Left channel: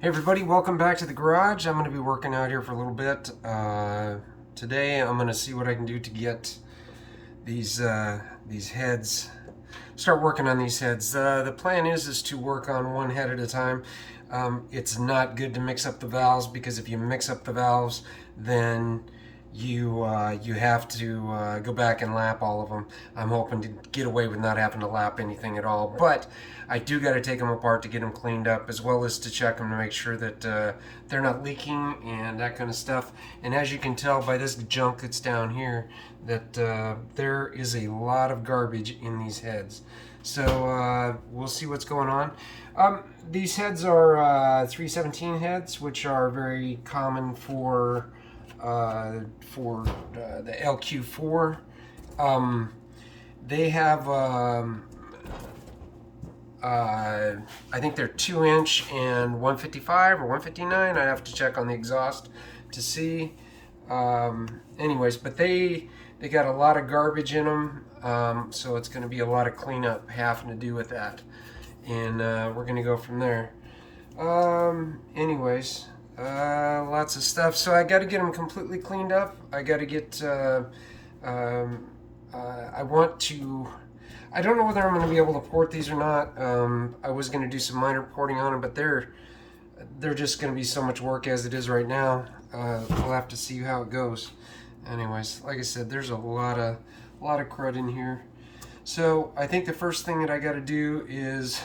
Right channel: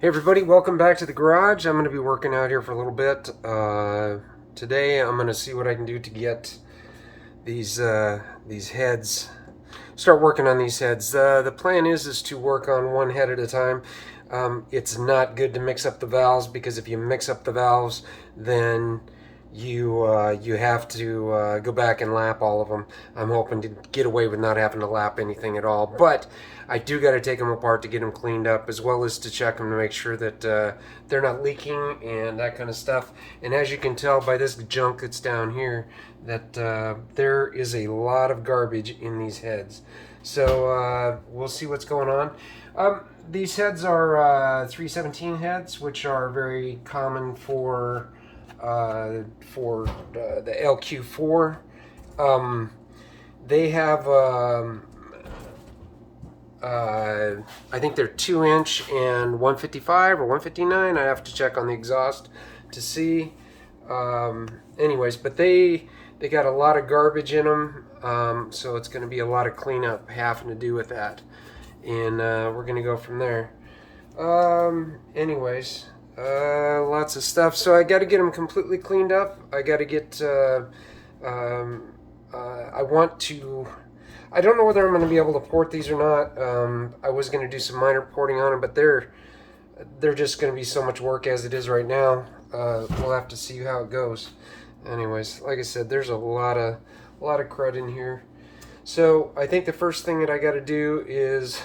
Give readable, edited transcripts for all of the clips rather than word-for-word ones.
Hey everybody, welcome back to the garage. I'm going to be working out here for a little bit. Today I'm going to see what I can do to get these heads, start working on these heads. The plan is to work on one head at a time. It's not good to mix up the valves, because if you mix up the valves, then you have to go back and lap all of them. I'm hoping to get away with not having to lap anything at all, but I do got to take them apart to get them cleaned up, as well as to check them to make sure that they're not leaking and that kind of stuff. And as you can tell by this junk that's down here, that there is a lot of garbage in these heads. So we'll see what's going on. These heads are 317 heads, which are very common for the LQ4. They have I think they're 2-inch and 155 or 159. I have to check on the exhaust to see. Anyways, but they got a lot of garbage in them, so it's going to be a lot of cleanup having to do with that, and we're going to go from there. Anyways, lots of stuff. So I got to get them completely cleaned up. I got to get. I want to. I don't know whether I'm going to be able to port these or not. I was going to do some minor porting on them, but they're just going to be so much work as it is right now. We'll have to see how it goes. Anyways, like I said, there's a lot of crud in here. So I think the first thing that I got to do is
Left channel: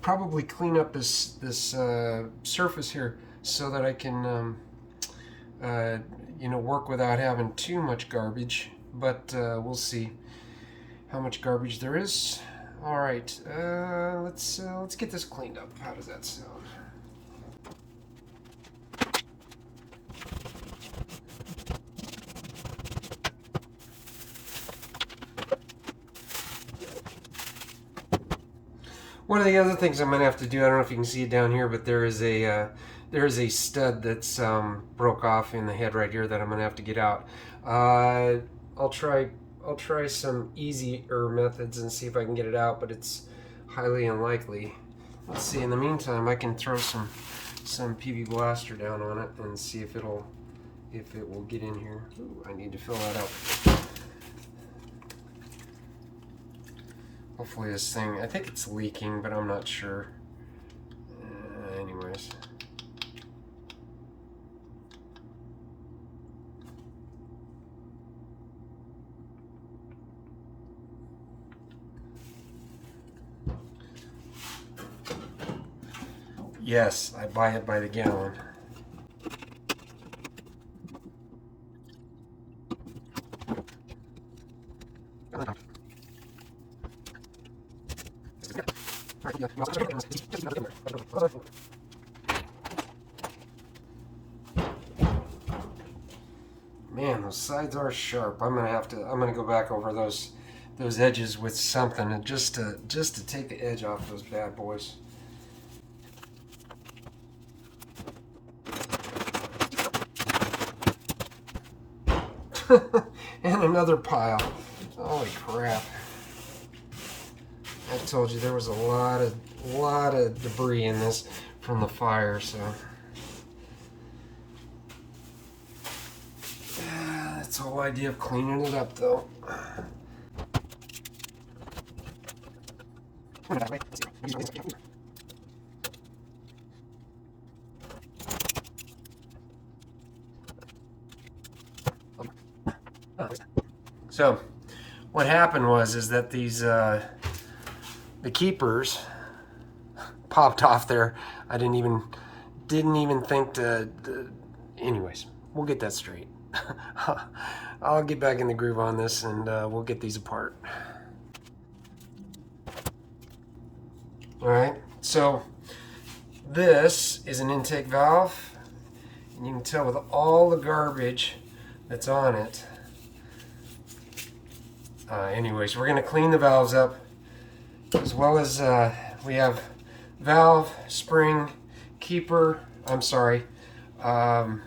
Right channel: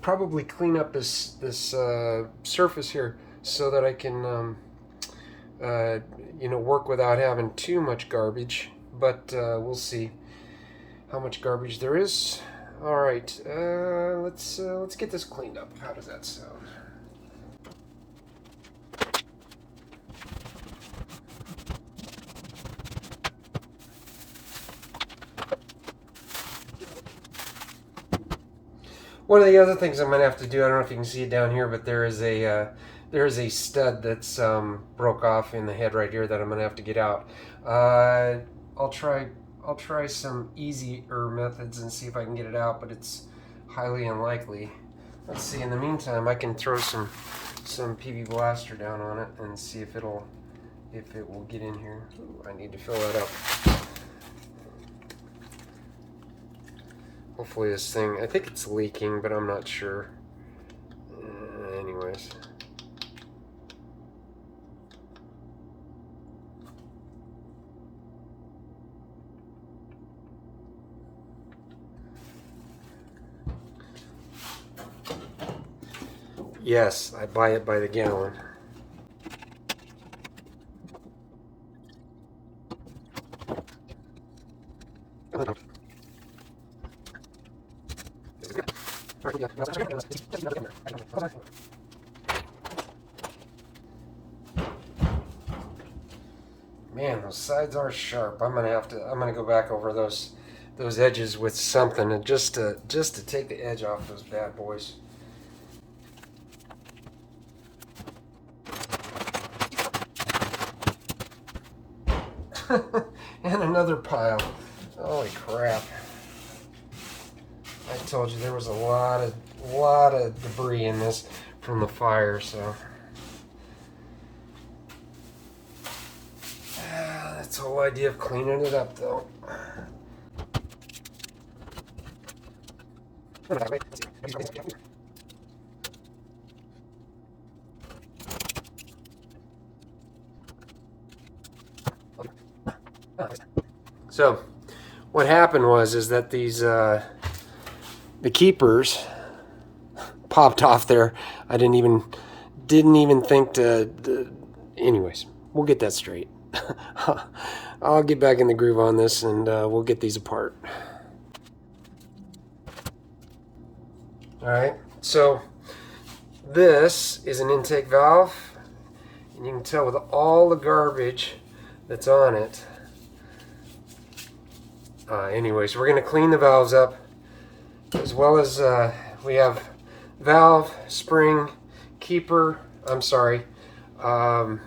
probably clean up this surface here, so that I can work without having too much garbage. But we'll see how much garbage there is. All right, let's get this cleaned up. How does that sound? One of the other things I'm gonna have to do, I don't know if you can see it down here, but there is a stud that's broke off in the head right here that I'm gonna have to get out. I'll try some easier methods and see if I can get it out, but it's highly unlikely. Let's see. In the meantime, I can throw some PV Blaster down on it and see if it will get in here. Ooh, I need to fill that up. Hopefully this thing, I think it's leaking, but I'm not sure. Anyways. Yes, I buy it by the gallon. Man, those sides are sharp. I'm gonna go back over those edges with something, and just to take the edge off those bad boys. And another pile. Holy crap. I told you there was a lot of debris in this from the fire, so that's the whole idea of cleaning it up, though. So what happened was that these the keepers popped off there. I didn't even think to anyways, we'll get that straight. I'll get back in the groove on this, and we'll get these apart. All right, so this is an intake valve, and you can tell with all the garbage that's on it. Anyways, we're going to clean the valves up, as well as we have valve, spring, keeper. I'm sorry. Crap.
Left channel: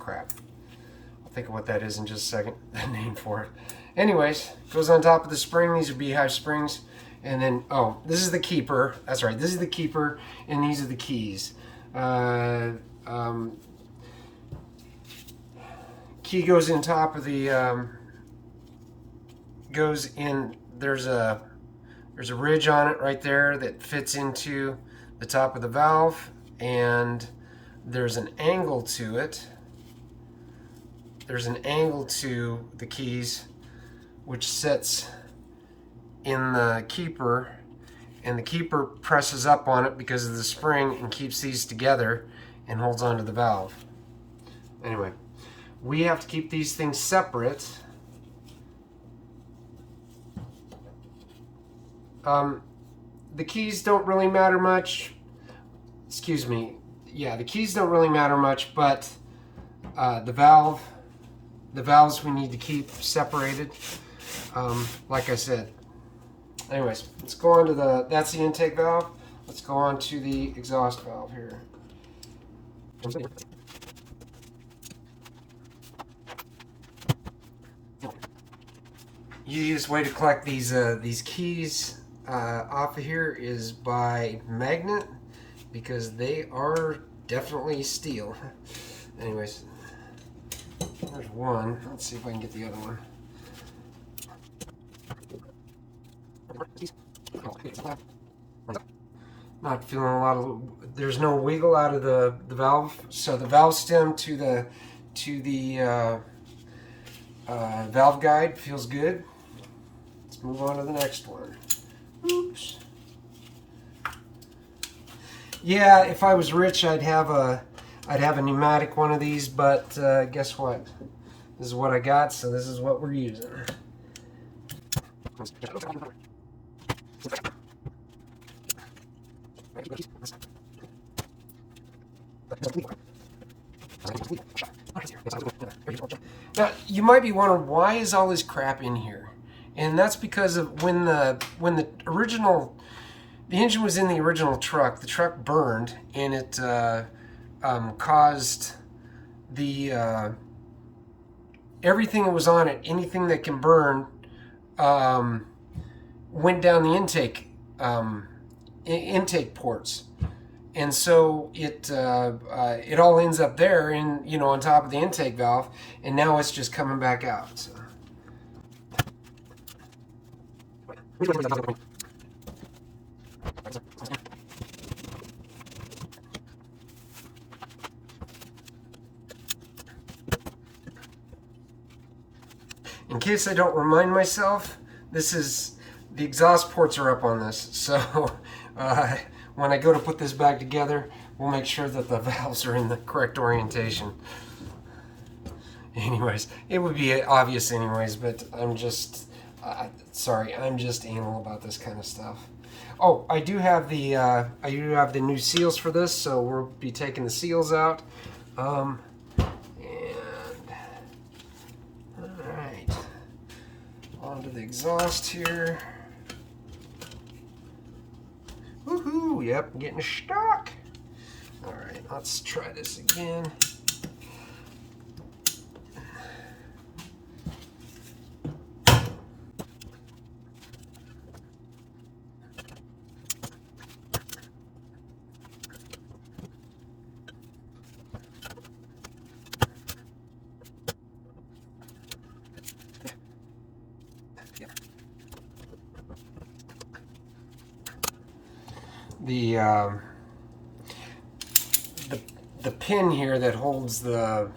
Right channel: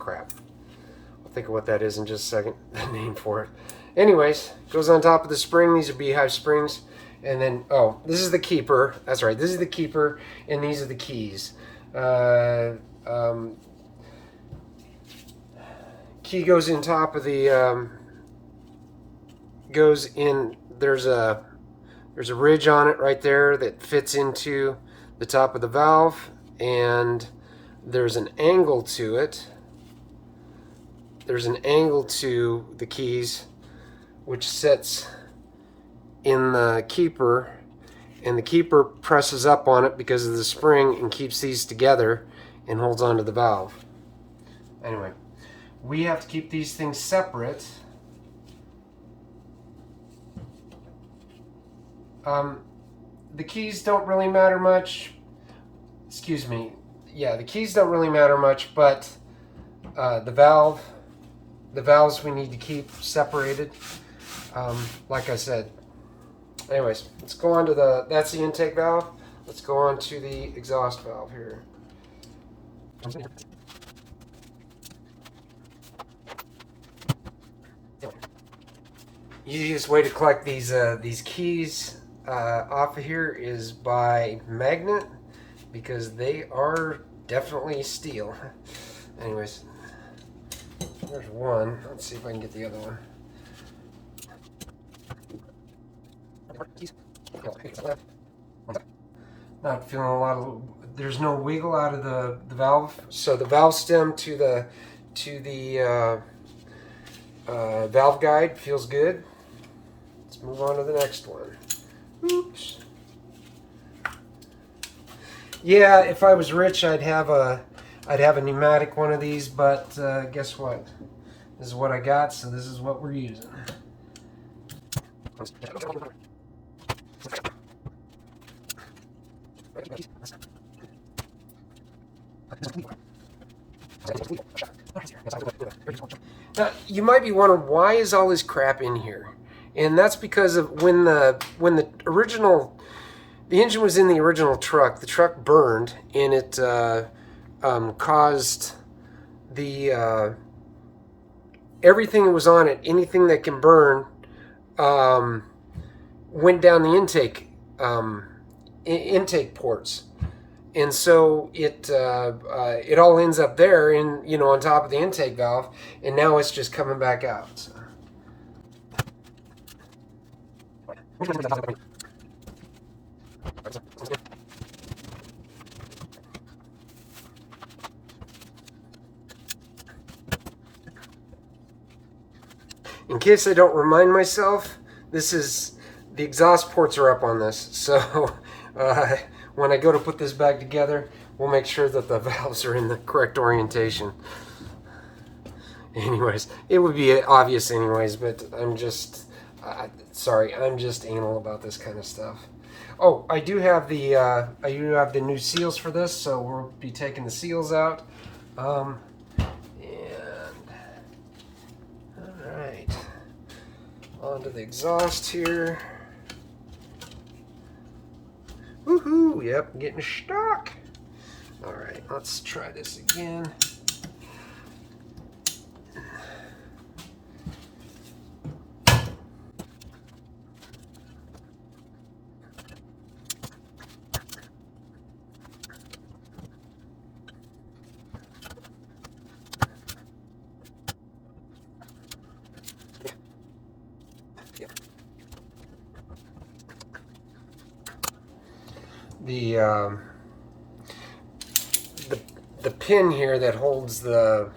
I'll think of what that is in just a second. The name for it. Anyways, goes on top of the spring. These are beehive springs. And then, oh, this is the keeper. That's right, this is the keeper, and these are the keys. Key goes in top of the, goes in, there's a ridge on it right there that fits into the top of the valve, and there's an angle to it. There's an angle to the keys, which sets in the keeper, and the keeper presses up on it because of the spring and keeps these together and holds onto the valve. Anyway, we have to keep these things separate. The keys don't really matter much. Excuse me. Yeah, the keys don't really matter much, but the valves we need to keep separated. Like I said. Anyways, let's go on to that's the intake valve. Let's go on to the exhaust valve here. Easiest way to collect these keys off of here is by magnet, because they are definitely steel. Anyways, there's one. Let's see if I can get the other one. Not feeling a lot of. There's no wiggle out of the valve, so the valve stem to the valve guide feels good. Let's move on to the next one. Oops. Yeah, if I was rich, I'd have a pneumatic one of these, but guess what? This is what I got, so this is what we're using. Now, you might be wondering, why is all this crap in here? And that's because of when the engine was in the original truck, the truck burned, and it caused the everything that was on it, anything that can burn, went down the intake ports, and so it all ends up there, on top of the intake valve, and now it's just coming back out. So. In case I don't remind myself, the exhaust ports are up on this, so when I go to put this back together, we'll make sure that the valves are in the correct orientation. Anyways, it would be obvious anyways, but I'm just anal about this kind of stuff. Oh, I do have the new seals for this, so we'll be taking the seals out. And all right, onto the exhaust here. Woohoo! Yep, getting stuck. All right, let's try this again. The pin here that holds the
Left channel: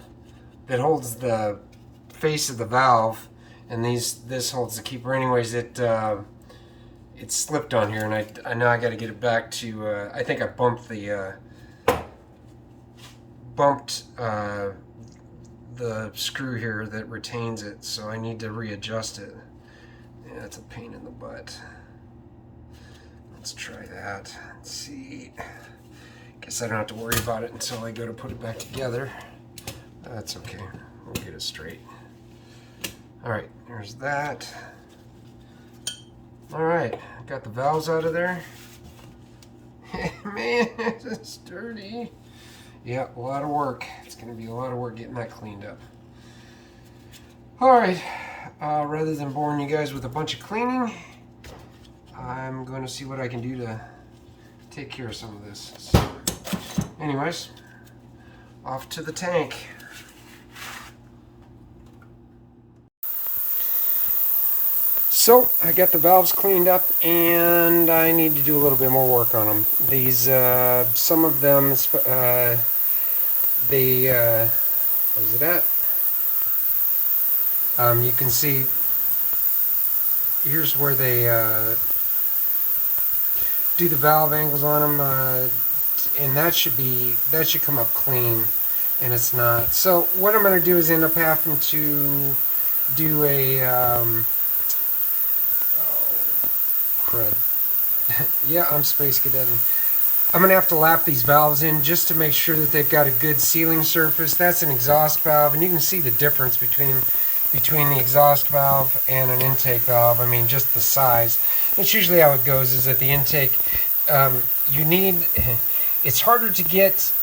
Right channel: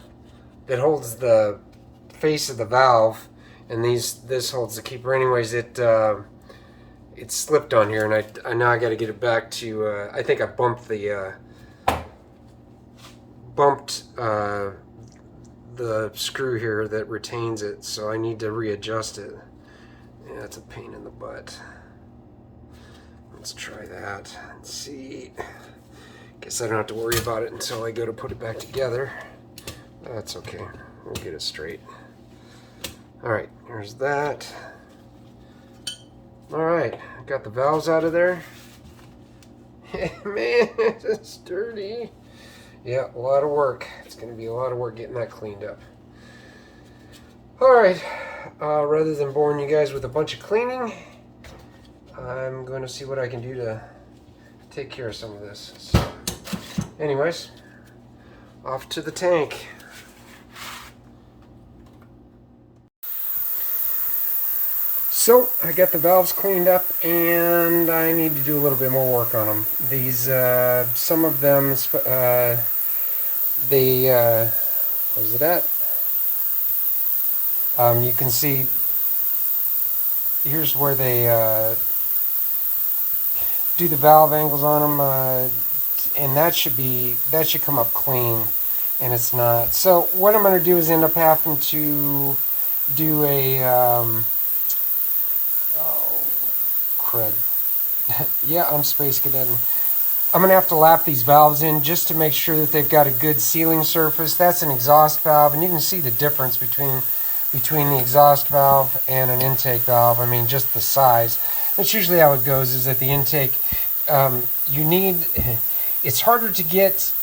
face of the valve, and this holds the keeper. Anyways, it slipped on here, and I know I got to get it back to. I think I bumped the screw here that retains it, so I need to readjust it. Yeah, that's a pain in the butt. Let's try that. Let's see. Guess I don't have to worry about it until I go to put it back together. That's okay. We'll get it straight. Alright, there's that. Alright, got the valves out of there. Man, it's dirty. Yeah, a lot of work. It's going to be a lot of work getting that cleaned up. Alright, rather than boring you guys with a bunch of cleaning, I'm going to see what I can do to take care of some of this. So, anyways, off to the tank. So I got the valves cleaned up, and I need to do a little bit more work on them. These, some of them, where's it at? You can see, here's where they do the valve angles on them, and that should come up clean, and it's not. So what I'm going to do is end up having to do a crud. Yeah, I'm space cadetting. I'm going to have to lap these valves in just to make sure that they've got a good sealing surface. That's an exhaust valve, and you can see the difference between the exhaust valve and an intake valve. I mean, just the size. That's usually how it goes, is at the intake, it's harder to get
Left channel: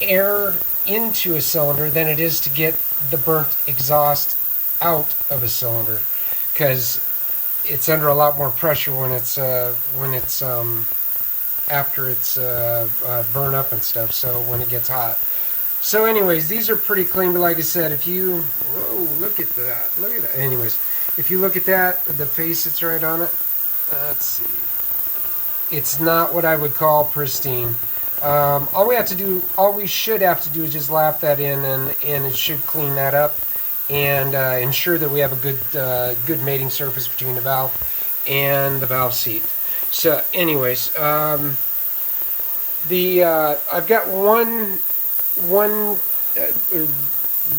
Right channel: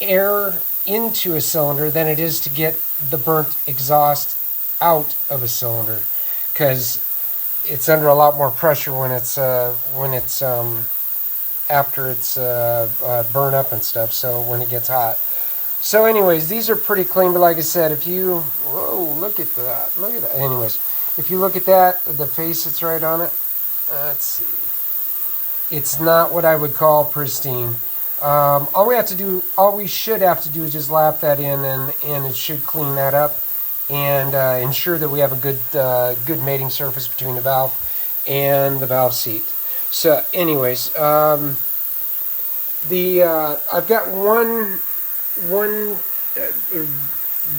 air into a cylinder than it is to get the burnt exhaust out of a cylinder, because it's under a lot more pressure when it's after it's burn up and stuff, so when it gets hot. So anyways, these are pretty clean, but like I said, if you, whoa, look at that. Anyways, if you look at that, the face that's right on it, let's see. It's not what I would call pristine. All we should have to do is just lap that in, and it should clean that up and ensure that we have a good mating surface between the valve and the valve seat. So anyways, I've got one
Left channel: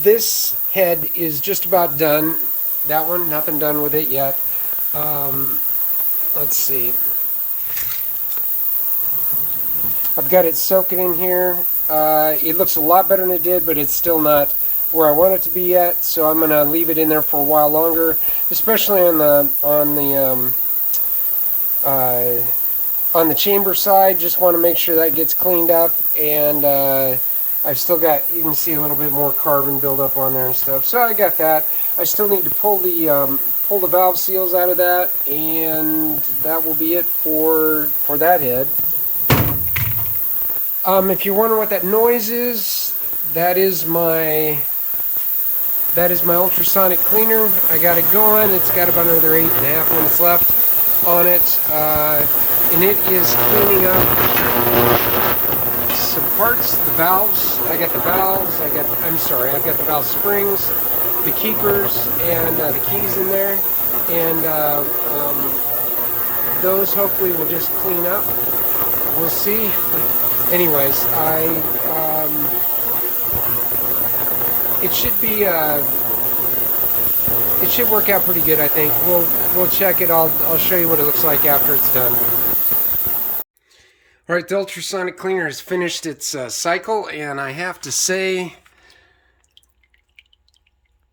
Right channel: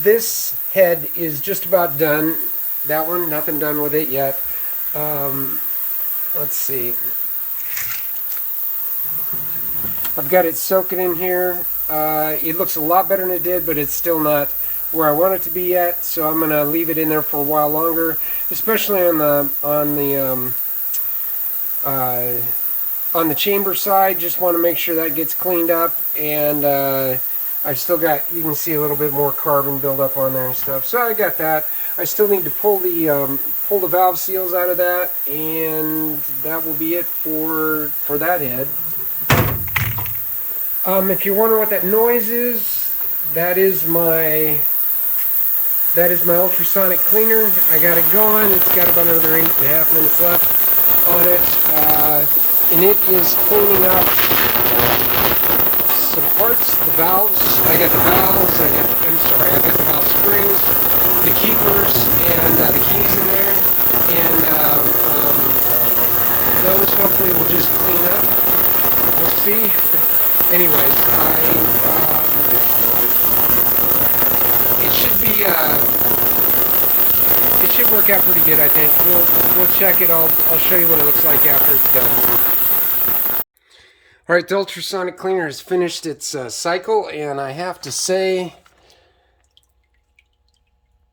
this head is just about done. That one, nothing done with it yet. Let's see. I've got it soaking in here. It looks a lot better than it did, but it's still not where I want it to be yet. So I'm gonna leave it in there for a while longer, especially on the chamber side. Just want to make sure that gets cleaned up, and I've still got, you can see a little bit more carbon buildup on there and stuff. So I got that. I still need to pull the valve seals out of that, and that will be it for that head. If you're wondering what that noise is, that is my ultrasonic cleaner. I got it going. It's got about another 8.5 minutes left on it, and it is cleaning up some parts. The valves. I got the valves. I've got the valve springs, the keepers, and the keys in there, and those hopefully will just clean up. We'll see. Anyways, it should work out pretty good, I think. We'll check it. I'll show you what it looks like after it's done. All right, the ultrasonic cleaner has finished its cycle, and I have to say,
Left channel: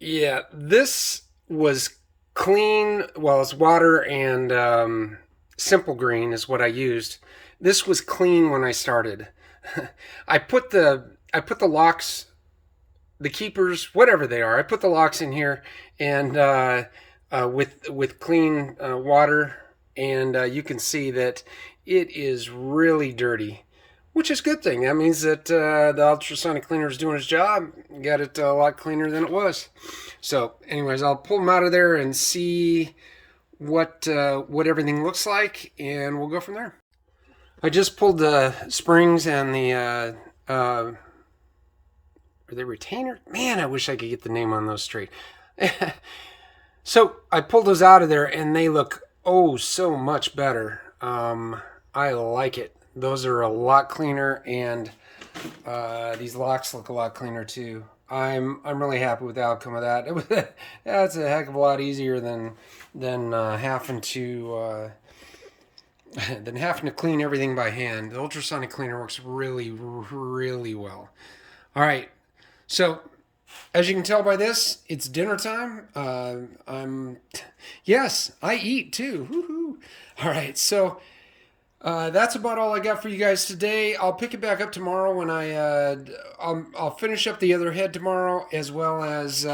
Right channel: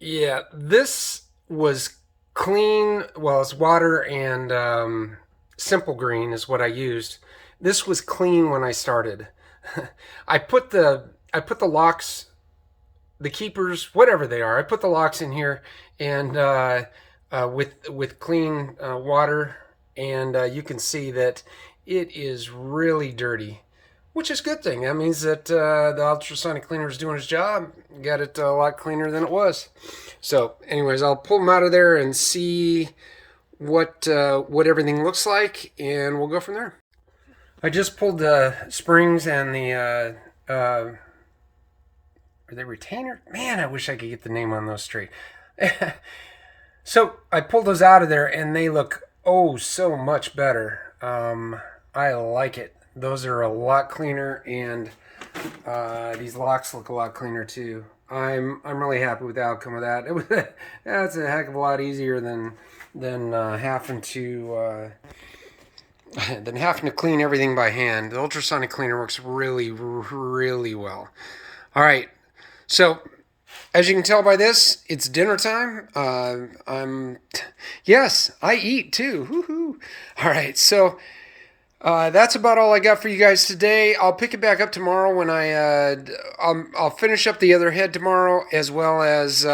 yeah, this was clean. Well, it's water and simple green is what I used. This was clean when I started. I put the locks, the keepers, whatever they are, I put the locks in here, and with clean water, and you can see that it is really dirty, which is a good thing. That means that the ultrasonic cleaner is doing its job. Got it a lot cleaner than it was. So anyways, I'll pull them out of there and see what everything looks like, and we'll go from there. I just pulled the springs and the are they retainer? Man, I wish I could get the name on those straight. So I pulled those out of there, and they look oh so much better. I like it. Those are a lot cleaner, and these locks look a lot cleaner too. I'm really happy with the outcome of that. That's a heck of a lot easier than having to clean everything by hand. The ultrasonic cleaner works really, really well. All right, so as you can tell by this, it's dinner time. Yes, I eat too. Woo-hoo. All right, so that's about all I got for you guys today. I'll pick it back up tomorrow when I'll finish up the other head tomorrow, as well as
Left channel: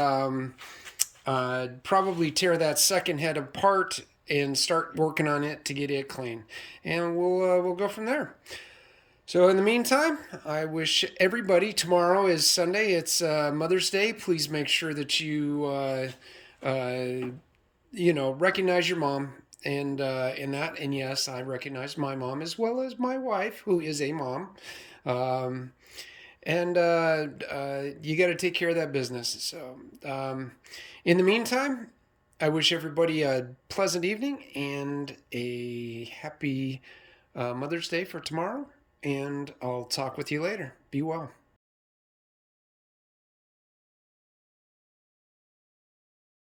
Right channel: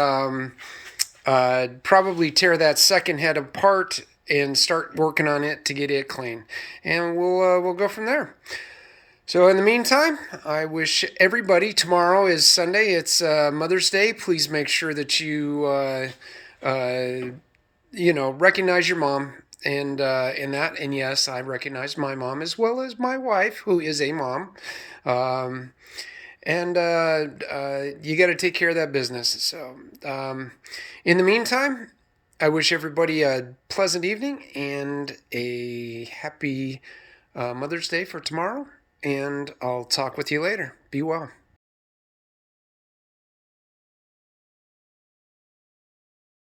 probably tear that second head apart and start working on it to get it clean, and we'll go from there. So in the meantime, I wish everybody, tomorrow is Sunday, it's Mother's Day. Please make sure that you recognize your mom and in that. And yes, I recognize my mom as well as my wife, who is a mom. Um, and you got to take care of that business. So in the meantime, I wish everybody a pleasant evening and a happy Mother's Day for tomorrow. And I'll talk with you later. Be well.